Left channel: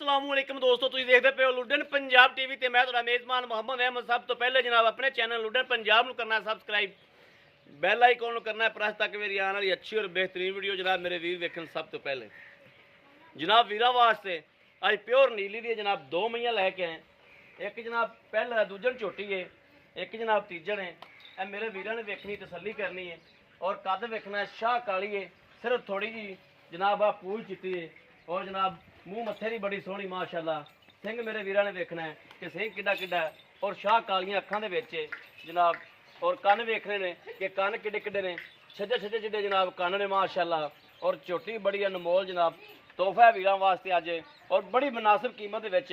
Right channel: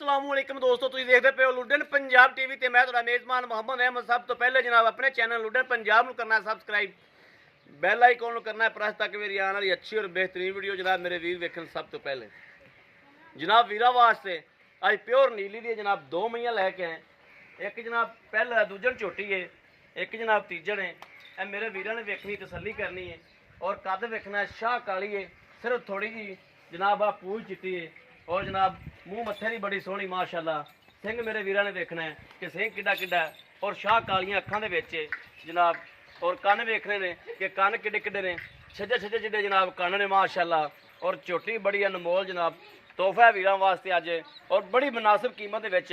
अस्सलामुअलैकुम दोस्तों, तुसीं देखदे पे हो लुडन पंजाब टीवी ते मैं तुहाडा मेज़बान मोहम्मद अहमद। सब तो पहले जनाब अपने चैनल लुडन पंजाब नूं करना सब्सक्राइब, बैल आइकॉन नूं करना प्रेस ताकि मेरी आने वाली अच्छी और बेहतरीन वीडियो जनाब मेरे वीर वेखन। सब तो पहले जनाब वीरा वास्ते अज प्योर नीली दी जनाब दो मईयां लैके आए। एक जनाब पहला दूजन झोटी है, एक जनाब तीजन है। ए मेरे वीरां ने वेखनी तसल्ली करनी है और कद वेखना शाह काली है, सिर्फ थोड़ी जी जनाब आ पूछ चिट्टी है और जनाब मूँह मत्थे की बड़ी सोहनी माशाअल्लाह। सिंह मेरे वीरां ने देखना है कि सिंह किड्डा किड्डा और शाह कालियां अखां दे विच जनाब, और कन्न वेखने ने कि कन्न किड्डे किड्डे ने, छज्जे छज्जे जिड्डे जनाब कन्न ने माशाअल्लाह। और झोटी बड़ी अनमोल जनाब तोहफा है वीरां वास्ते अज, और बड़ी मुनासिब कीमत दे विच।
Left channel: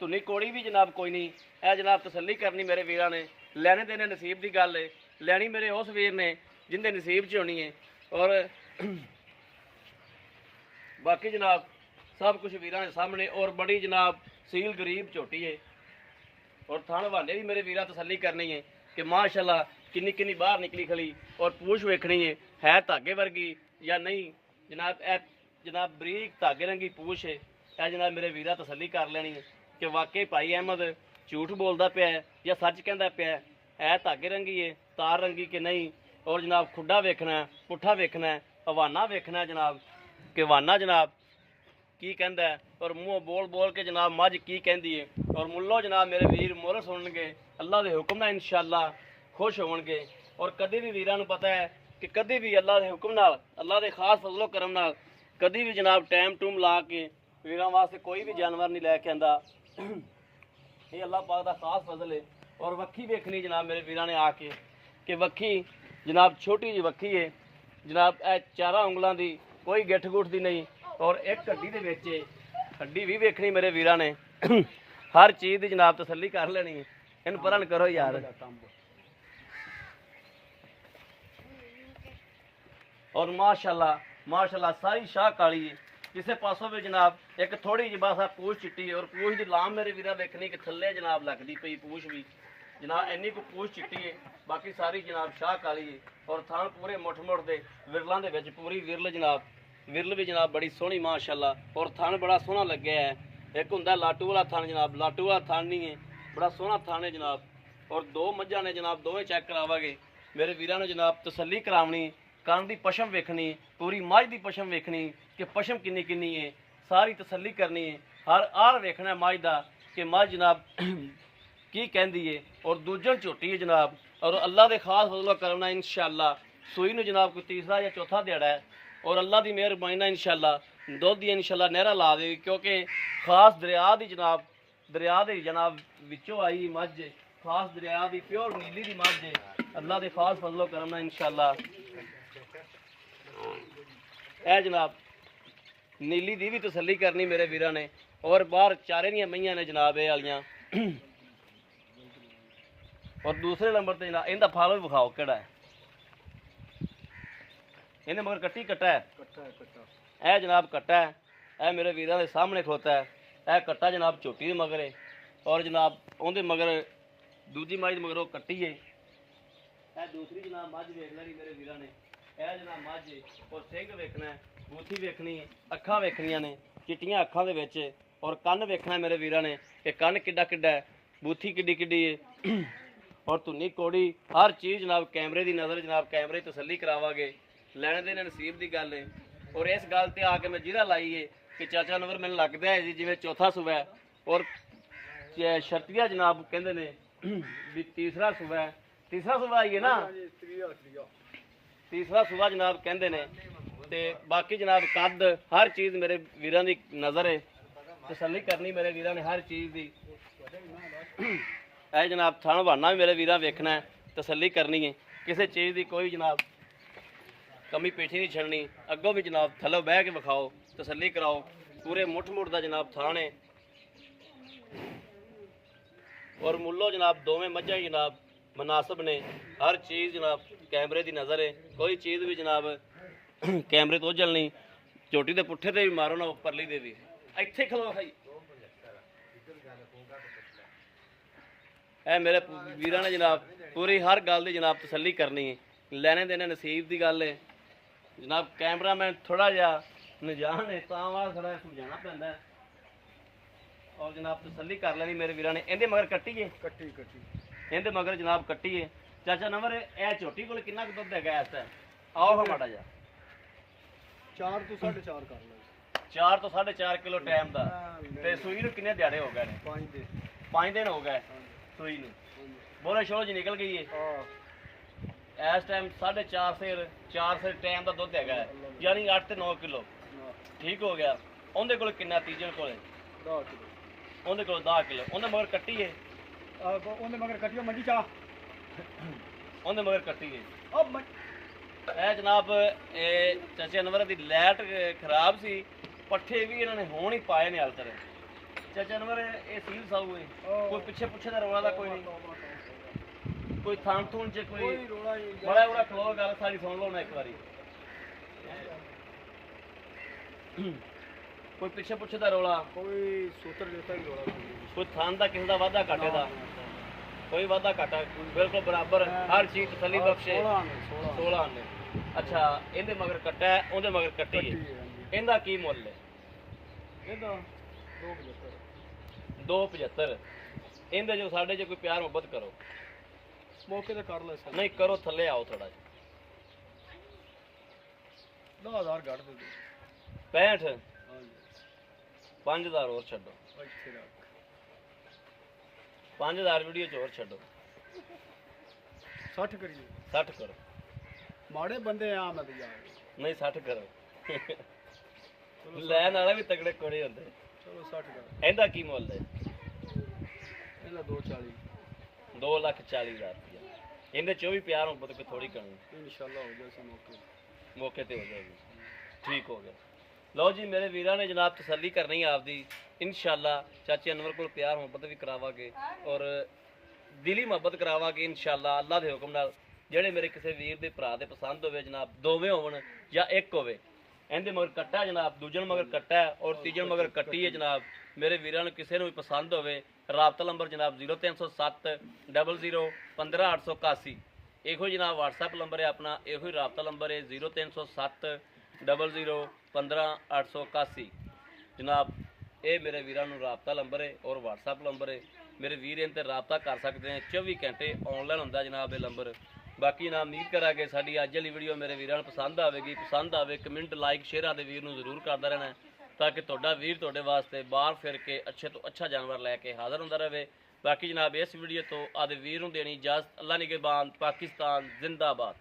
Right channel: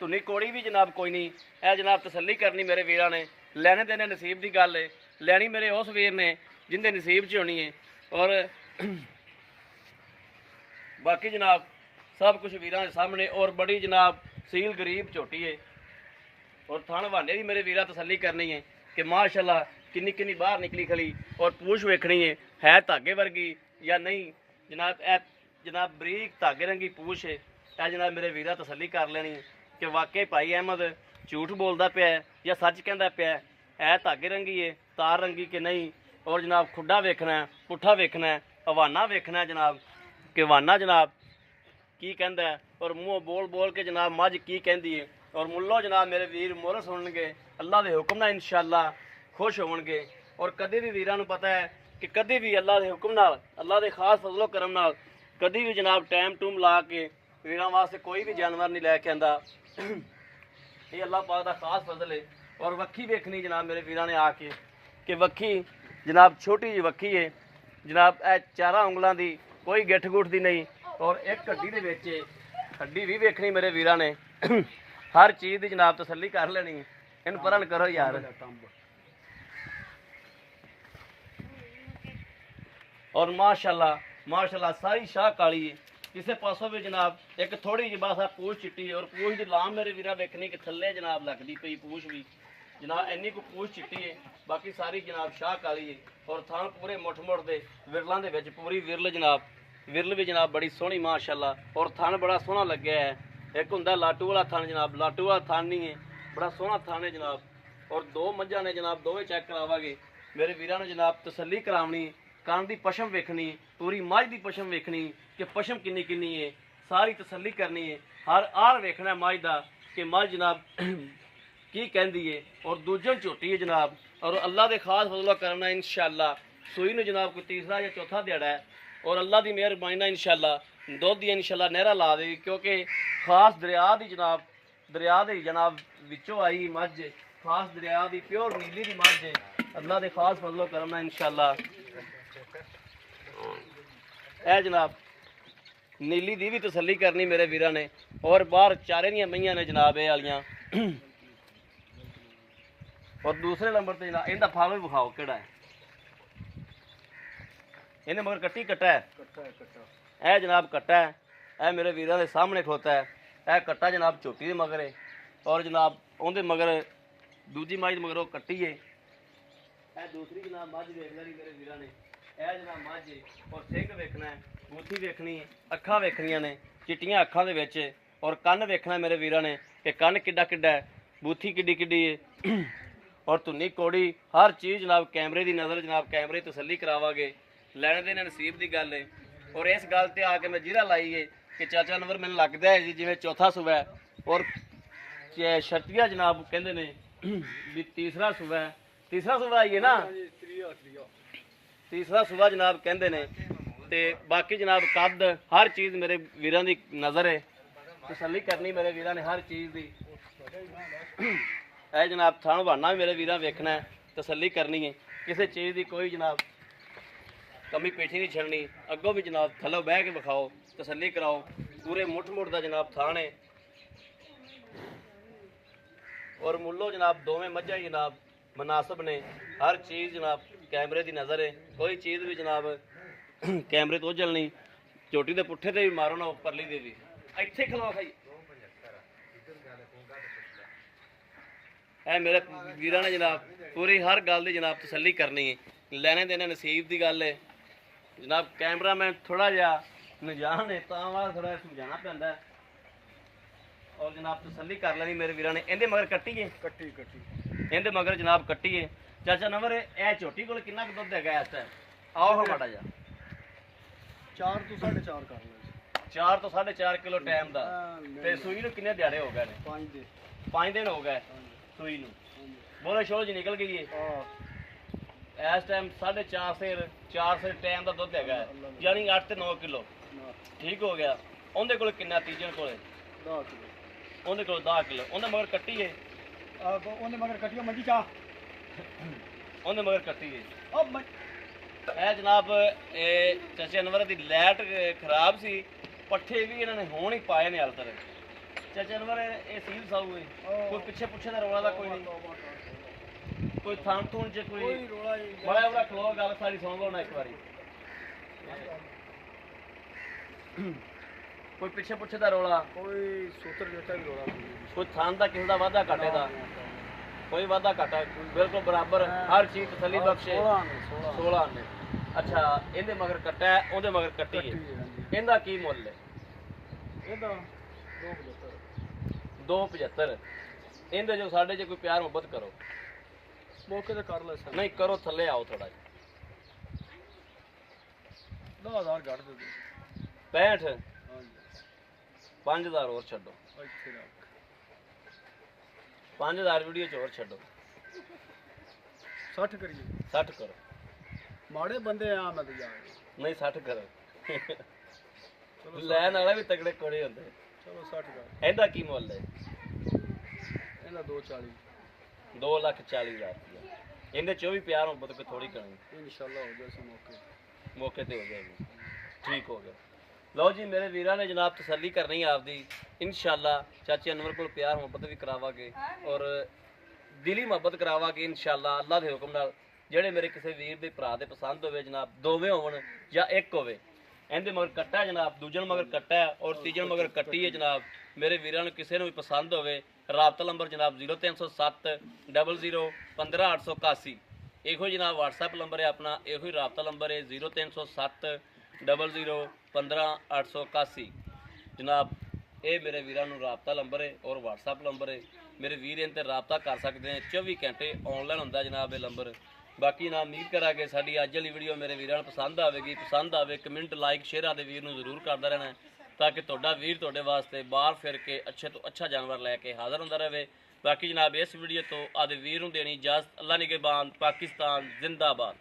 धुनी कोड़ी भी जनाब कोई नहीं है जनाब, तसल्ली करनी मेरे वीरां ने। लैने देने नसीब की गल है, लैनी मेरे उस वीर ने जिंदे नसीब च होनी है। और बाकी जनाब सब कुछ वीरां सामने, और बड़ी जनाब सील गरीब झोटी है। और थान बहाने भी मेरे वीरां तसल्ली करनी है कि माशाअल्लाह किन्नी किन्नी बाहर निकली खली, और पूछ वेखनी है धागे वर्गी या नहीं जनाब। ए जनाब बरीक धागे रंगी पूछ है, ए जनाब मेरे वीरां तसल्ली कर लेनी है कि वाकई भाई अहमद झूठ बोलता पिया है या सच कहता पिया है। ए धागे रंगी है, तार रंगी कि नहीं। और जनाब खुड्डा वेखना है, पुट्ठा वेखना है, हवाना वेखना है जनाब कि हवाना जनाब की कहता है, और मूँह बोल बोल के जनाब मझ की कहती है। और मुल्लो जनाब मेरे वीर मुल सुनगे अल्लाह के हुक्म नाल इंशाअल्लाह खुश होणगे। और कभी भी वीरां नूं पता है कि कभी भी अल्लाह के हुक्म नाल, अल्लाह के खास फजलो करम नाल कभी भी जनाब टाइम टूम ला के वीरां वास्ते कोई भी जानवर नहीं लैके आंदा। ये अल्लाह पाक का खास फजल है। और वक्खी वेखनी जनाब मेरे वीरां ने आके कि वक्खी जनाब छोटी जी वक्खी है जनाब, ए 4 उंगलों की, कोई गिठ गुठ दी नहीं। और एक हड्डी दे विच हड्डी भी वेखनी मेरे वीरां ने। हर चीज़ की जनाब तसल्ली कर लेनी है। इन परन करो यार। और माशाअल्लाह माशाअल्लाह सारी शाह काली है, किसी पासों भी जनाब एक थोड़ी जी बस पूछ चिट्टी है। और पूछ की लाम मेरे वीरा वेखनी कि थले जनाब लगती पई पूछ भी जनाब, इन्नी को पूछ चिट्टी है, बाकी सारी जनाब शाह काली है। और थान पूरे मुठ मुठ दे विरलों के विच पूरी विरल जनाब, विरल भी जनाब बड़ी सोहनी माशाअल्लाह। और थान बड़ा सोहना लग्या है। एक हुंदा लाटू वाला थान जनाब, लाटू वाला थान नहीं है, बड़ा सोहना थान है जनाब। और दो मझां ने जनाब, दोवें चेक करावांगे मेरे वीरां ने जनाब तसल्ली करावनी। कान की पशम वेखनी, पूरी मझ की पशम वेखनी कि पशम किन्नी किन्नी है, सारी तसल्ली करनी है। हर आर वेखना मझ का कि मझ जनाब की कहती है। और दूजन झोटी है जनाब, और अल्लाह के खास फजल करना इंशाअल्लाह सूई ने जनाब कोई तीसरा या चौथा दिहाड़ा है। और अल्लाह की मेहरबानी नाल इंशाअल्लाह दुध दी इंशाअल्लाह नहरा ला देगी, क्योंकि खास दरिया की जनाब, दरिया के जनाब विचों आई मझ, खास दरिया की प्योर नीली की मझ है। अल्लाह के खास फजलो करना इंशाअल्लाह ए जनाब नीली दी भी तसल्ली करनी मेरे वीरां ने। और बाहर चारे दियां मईयां ने जनाब ये वालियां। और दूसरे नंबर पर जनाब इनका फार्म विखाओ केड़ा है, इन्हें मगर कट्टी कट्टा है, ए जनाब कट्टा है, ए मेरे वीरां दे सामने खोता है। ए कट्टा जनाब झोटी दे मगर है, और जनाब उहदे मगर दूजी मझ मगरों कट्टी है। ए दूसरी जनाब मझ वेख लैनी मेरे वीरां ने, ए जनाब मझ है। और सिंह वेखना है, बूथी वेखनी है, अखां वेखनियां ने चिट्टियां अखां दे विच। और कन्न वेखना मेरे वीरां ने कि कन्न किड्डा किड्डा है, बूथी किड्डी किड्डी है। और धुनी कोड़ी हर चीज़ जनाब कैमरे की नज़र जनाब, कैमरे तसल्ली करावांगे। लैने देने नसीब की गल है। और इस गल ते आके मैं जिरा लाई है कि चाचा नंबर मैंने लगता है जी जिवें चौथा सूबा है, और शर्तिया जनाब कहते ने भी तीसरा सूबा है, तीसरा सूबा आई है ना, तीसरा सूबा जनाब कहते ने। ते बाकी जनाब कद हर चीज़ मेरे वीरां की नज़र है, तसल्ली करनी मेरे वीरां ने हर चीज़ की। है जनाब थान बहाना भी मेरे वीरां वेखना है, तसल्ली करनी है, किसी चीज़ की कोई जनाब कमी पेठी नहीं छड़नी। अगों भी जनाब थलो बह के विखाओ, तसल्ली कराओ। पूरे मुठ मुठ का जनाब थान है। और मुल्लो जनाब दोवें मझां जनाब मुनासिब ने, हर चीज़ जनाब कैमरे की नज़र है, कोई चीज़ भी जनाब कैमरे तो ओझल नहीं। झोटी के पुट्ठे ते भी मारो ना परली दे भी, इत्थे खलवा भाई। है मेरे वीरां ने जनाब पूरी हर गल की जनाब तसल्ली करनी है। लैने देने नसीब की गल है जनाब। कैमरा मैन थोड़ा जहा नजान है, थोड़ा समझाना पैंदा है। जनाब तसल्ली कर लेनी मेरे वीरां ने। इहदे मगर कट्टी है, ਕੱਟੀ इहदे मगर जनाब कट्टी है। चाचा नंबर ए झोटी कोल कितना दुध हैगा इस टाइम? आओ हम माड़ा जा 4 ਤੋਂ 4.5 ਕਰ ਲਓ 4 ਤੋਂ 4.5 किलो टाइम दा। ते सूई ਨੂੰ किन्ने दिहाड़े हो गए ने? 5 ਦੇ 5 दिन हो गए सूई ਨੂੰ। बोले शोल जी निकल गई है ਹਾਂ इस टाइम 4.5 से 4 से टाइम का दुध हैगा यानी 8 से 9 किलो ठीक हो गया। ਉਹਦੇ ਕੋਲ ਕਿੰਨਾ ਤੀਜਣ ਕੋਲ 10 ਕਿਲੋ ਉਹਦੇ ਕੋਲ 10 ਕਿਲੋ। ਉਹਦੇ ਮਗਰ ਕੱਟੀ ਹੈ ਉਹਨੇ ਮਗਰ ਕੱਟਿਓ ਮੰਜੀ ਚਾ ਉਹਦੇ ਮਗਰ ਕੱਟੀ ਹੈ। ਉਹ ਇਹ ਜਨਾਬ ਇਹ ਚਾਚੇ ਅਨਵਰ ਦੀ ਲਾਈਟ ਖਰਾਬ ਸੀ, ਪੱਠੇ ਵੀ ਇਹਨਾਂ ਨੇ ਹੁਣ ਹੀ ਪਾਏ ਨੇ ਹਾਲ ਤਰ। ਚਾਚਾ ਅਨਵਰ ਇਹ ਸੀਲ ਸਾਊ ਹੈ, ਕੋਈ ਪਿੱਛੇ ਪੁੱਛੇ ਦਾ ਰੌਲਾ ਦਾ ਕੋਈ ਨਹੀਂ, ਕੋਈ ਥਾਂ ਥੂਣ ਚ ਕੋਈ ਰੋਲਾ ਹੀ ਬੜਾ ਬੜਾ ਖਲੋ ਗੱਲ ਸਾਰੀ ਸੁਣ ਲਓ ਨਾ ਇੱਕ ਵਾਰੀ। ਕੋਈ ਪਿੱਛੇ ਪੁੱਛੇ ਦਾ ਰੌਲਾ, ਕੋਈ ਸੂਤਰ ਜੋਤਾ ਵੀ ਰੋਲਾ ਕੋਈ ਥਾਂ ਦਾ ਕਿਸੇ ਦਾ ਵਾਧਾ ਘਾਟੇ ਦਾ ਕੋਈ ਵਾਧਾ ਘਾਟਾ ਬਿਲਕੁਲ ਬਰਾਬਰ ਹਰ ਚੀਜ਼ ਤਸੱਲੀ ਬਖਸ਼ੇ। 16 ਨੇ। ਅੱਛਾ ਇਹਦੇ ਮਗਰ ਕੱਟਾ ਹੈ, ਉਹਦੇ ਮਗਰ ਕੱਟੀ ਹੈ। ਇਹਦਾ ਕੀ ਮੁੱਲ ਹੈ? ਇਹਦਾ 275। ਇਹਦੇ ਜੋ ਸਾਡੇ ਜੇ ਕੋਈ ਪਿਆਰ ਮੁਹੱਬਤ ਕਰੋ ਮੌਕੇ ਤੇ ਕਰ ਲੈ ਸਰ ਨਹੀਂ ਕਰੋ ਥੱਲੇ ਆਓ ਥੋੜਾ ਜਿਹਾ 10000 ਘੱਟ ਦੇ ਦੇ 65 ਹਾਂਜੀ 5000 ਹੋਰ ਛੱਡੋ ਇੱਥੇ ਰੱਖ 5000 ਵੀਡੀਓ ਚ ਹੋਰ ਛੱਡੋ 60 ਕਰੀਏ 60 ਕਰੋ ਮਾੜੇ ਬੰਦੇ ਆ ਮੈਂ ਤੇ ਯਾਰ ਨਹੀਂ 60 ਕਰੋ ਲੈਣ ਵਾਲੇ ਵੀ ਤਗੜੇ ਕੋੜੇ ਹੁੰਦੇ। ਚਲੋ 60 ਕਰ ਇਹਦਾ ਕੀ ਮੁੱਲ ਹੈ? ਇਹਦਾ 240 2,40,000 ਰੁਪਇਆ। ਇਹਦੇ ਚ ਵੀ ਪਿਆਰ ਮੁਹੱਬਤ ਕੋਈ ਥੋੜੀ ਕਰਨੀ ਇਨਸ਼ਾਅੱਲਾ ਹੋ ਜਾਏ ਮੌਕੇ ਮੌਕੇ ਤੇ ਹੋ ਜਾਏਗੀ। ਠੀਕ ਹੋ ਗਿਆ। ਲਓ ਜੀ ਮੇਰੇ ਵੀਰਾਂ ਨੇ ਜਨਾਬ ਤਸੱਲੀ ਕਰਨੀ ਆਪਦੀ ਇਨਸ਼ਾਅੱਲਾ। ਚਾਚੇ ਅਨਵਰ ਕੋਲ ਪਿਆਰ ਮੁਹੱਬਤ ਵੀ ਕਰਾਵਾਂਗੇ ਔਰ ਦਿਲੀ ਮੁਹੱਬਤ ਕਰਾਵਾਂਗੇ ਇਨਸ਼ਾਅੱਲਾ ਅੱਲਾ ਦੇ ਹੁਕਮ ਨਾਲ। ਜਿਹੜੇ ਮੇਰੇ ਕਿਸੇ ਵੀਰ ਦੇ ਭਰਾ ਦੇ ਪਸੰਦ ਹੋਵੇ ਜਨਾਬ, ਦੋਵੇਂ ਹੋਣ ਜਾਂ ਇੱਕ ਹੋਵੇ। ਇਹਦੇ ਮਗਰ ਕੱਟਾ ਹੈ ਜਨਾਬ, ਦੂਜਣ ਮਗਰ ਕੱਟਾ ਹੈ ਔਰ ਤੀਜਣ ਮਗਰ ਕੱਟੀ ਹੈ ਜਨਾਬ। ਮੇਰੇ ਵੀਰਾਂ ਨੂੰ ਕਿਸੇ ਨੂੰ ਵੀ ਪਸੰਦ ਹੋਵੇ ਰਾਬਤਾ ਨੰਬਰ ਜਨਾਬ 0307 00 15881। ਇਹੋ ਜਨਾਬ WhatsApp ਨੰਬਰ ਹੈ ਆਪਣਾ, ਇਹੋ ਹੀ ਰਾਬਤਾ ਨੰਬਰ ਹੈ 0307 00 15881 ਜਨਾਬ। ਇਹ ਮੇਰੇ ਵੀਰਾਂ ਨੂੰ ਰਾਬਤਾ ਨੰਬਰ ਹੈ ਔਰ WhatsApp ਨੰਬਰ ਹੈ। ਮੇਰੇ ਵੀਰ ਇਹਨਾਂ ਤੇ ਰਾਬਤਾ ਕਰ ਸਕਦੇ ਨੇ, 24 ਘੰਟੇ ਆਨਲਾਈਨ ਹੁੰਦਾ ਜਨਾਬ ਇਹ ਨੰਬਰ। ਬਾਕੀ ਨਾ ਉਮੀਦ ਕਰਾਂਗੇ ਸਾਡੀ ਅੱਜ ਵਾਲੀ ਵੀਡੀਓ ਮੇਰੇ ਵੀਰਾਂ ਨੂੰ ਪਸੰਦ ਆਵੇਗੀ। ਪਸੰਦ ਆਵੇ ਕਮੈਂਟ ਲਾਈਕ ਸ਼ੇਅਰ ਆਦੇ ਵੀਰ ਨੂੰ ਜ਼ਰੂਰ ਕਰਦਾ ਰਹਿਣਾ ਤਾਂ ਕਿ ਤੁਹਾਡਾ ਵੀਰ ਤੁਹਾਡੇ ਵਾਸਤੇ ਬਾਹਰ ਫਿਰ ਕੇ ਅੱਛੇ ਤੋਂ ਅੱਛਾ ਜਾਨਵਰ ਲੈ ਕੇ ਹਾਜ਼ਰ ਹੁੰਦਾ ਰਹੇ। ਬਾਕੀ ਜਨਾਬ ਇਸ ਵੀਡੀਓ ਤੋਂ ਆਦੇ ਵੀਰ ਨੂੰ ਦੇਣੀ ਇਜਾਜ਼ਤ। ਅੱਲਾ ਨਿਗਹਿਬਾਨ। ਪਾਕਿਸਤਾਨ ਜ਼ਿੰਦਾਬਾਦ।